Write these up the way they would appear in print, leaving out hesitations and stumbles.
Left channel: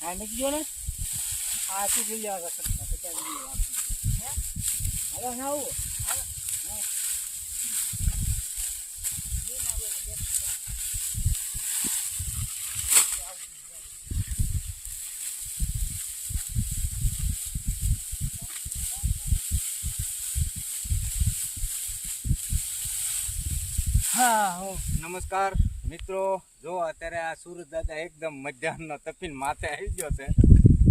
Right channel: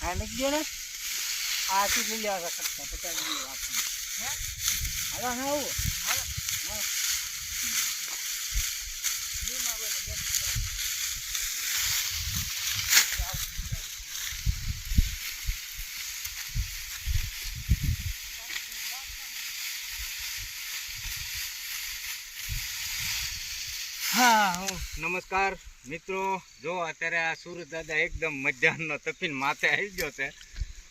હા નથી ગયો ને આ શું લઈ લેવા કરતા 50 વાત હે હાલો ના આવો હાલો હા હા નમસ્કાર મિત્રો, જો અત્યારે આ સુરત દાદા એકદમ મધ્યાહનનો તપીને માથે આવી ગયો છે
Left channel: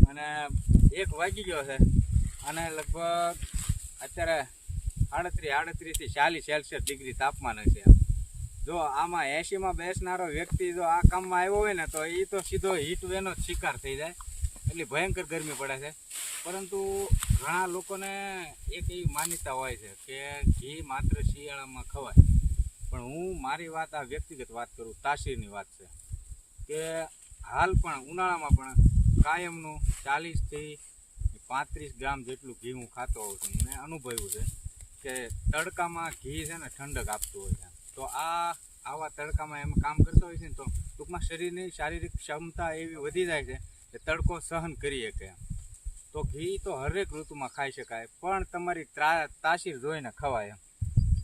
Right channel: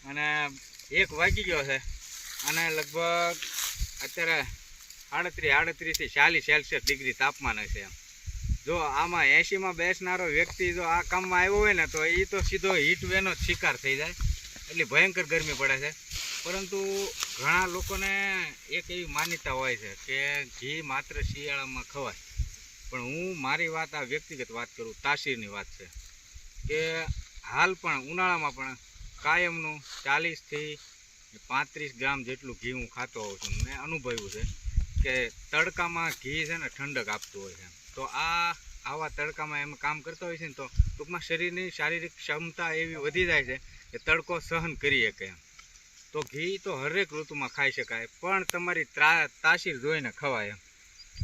અને 1 વાગી ગયો છે અને લગભગ અત્યારે 38 થી 40 સેલ્સિયસ ડિગ્રી તાપમાન હશે. જો આમાં 80માં બેસનારો વ્યક્તિ જો આ કામમાં આવ્યો હોય ને તો એ તો સીધો હીટવેવનો જ શિકાર થઈ જાય, એટલી ભયંકર ગરમી પડે છે. પરંતુ ઘણા લોકોને એક એવી માન્યતા હોય છે કે ઘી માત્ર શિયાળામાં ખવાય, પણ હું મારી વાત આ વ્યક્તિગત વાત કરું, તાસીરની વાત છે કે હાલ પણ ઉનાળામાં પણ કાયમનું 40 થી 35 ગ્રામ જેટલું ઘી હું ખાતો હોઉં છું. મેં અનુભવ્યું છે કે તડકામાં ઘી છે ને ઠંડક આપતું હોય છે. તો આવા તડકામાં એમ કામ કરતા હોય છે ને તો ટૂંકમાં શરીરની શારીરિક ક્ષમતા એવી વધી જાય છે કે તડકો સહન કરી શકે એમ. તો ઘી તો હરેક ઋતુમાં ખાઈ શકાય, પણ તમારી તાસીર જોઈને ખવાય એમ.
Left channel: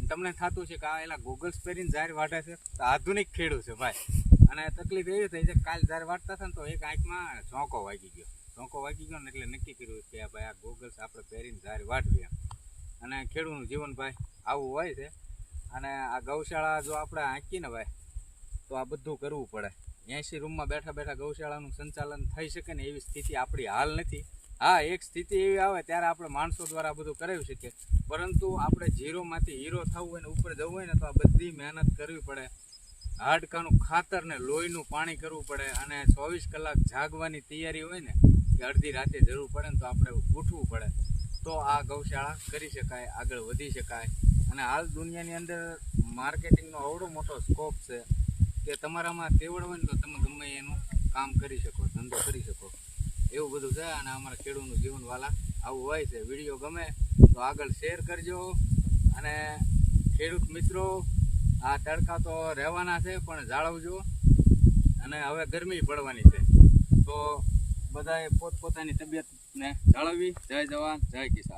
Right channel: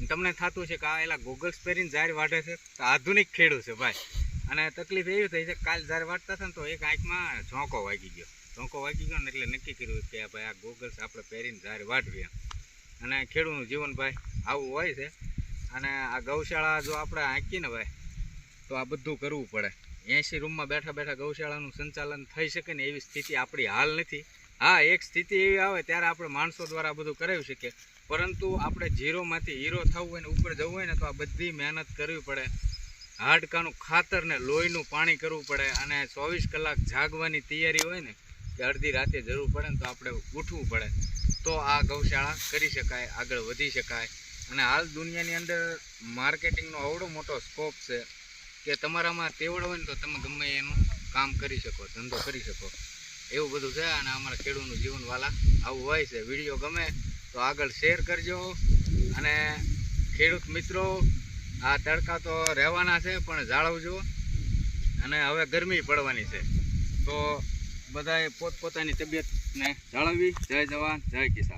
તમને થતું છે કે આ એલા ગોગલ્સ પહેરીને ઝાર વાઢે છે, તો આધુનિક ખેડૂત છે ભાઈ. અને તકલીફ એવી થઈ છે, કાલ ઝાર વાટતા હતા ને તો એક આંખમાં ઝોંકો વાગી ગયો ને એટલે નક્કી કર્યું કે ભાઈ આ ગોગલ્સ આપણે પહેરીને ઝાર વાટવીએ. અને ખેડૂતનું જીવન ભાઈ આવું હોય છે. અને આ ગૌશાળા જો આપણે આંકીએ ને ભાઈ તો આ બધું કરવું પડે. 80 રૂમમાં બેઠા બેઠા ગૌશાળાનું સંચાલન થઈ શકે ને એવી સ્થિતિ આપણી હાલ નથી. હા, એક સ્થિતિ એવી આવે ત્યારે આપણે માણસો દ્વારા બધું કરાવી શકીએ, પરંતુ આપણે ઝીરોમાંથી હીરો થવું હોય ને ઉપર જવું હોય ને તો આ બધી મહેનત કરવી પડે. હાડકાનું ખાતર ને લોહીનું પાણી કરવું પડે અને 24 કલાક જાગવાની તૈયારી હોય ને કે અડધી રાતે જરૂર પડે ને તો આપણે ઉઠવું પડે. તો આ ગૌશાળા કરી શકાય, આગળ વધી શકાય. અને હાલ દુનિયાની અંદર માર્કેટિંગનો આવડો મોટો સ્કોપ છે કે તમારામાં તેવડ હોય ને તો તમે ગમે એનું કામ કરી શકો, ધંધો કરી શકો, એવું બધું છે. અને અમારા ખેડૂતનું જીવનવાલા આવું હોય છે. વિડીયો ગમે તો આગળ શેર કરજો. અને ખેડૂત મિત્રો, આ તડકા તો રહેવાના છે પણ જાળવજો. અને હવે ગરમી પડવાની છે તો બધાએ પોતપોતાની તબિયતને જાળવવી. જય જવાન જય કિસાન.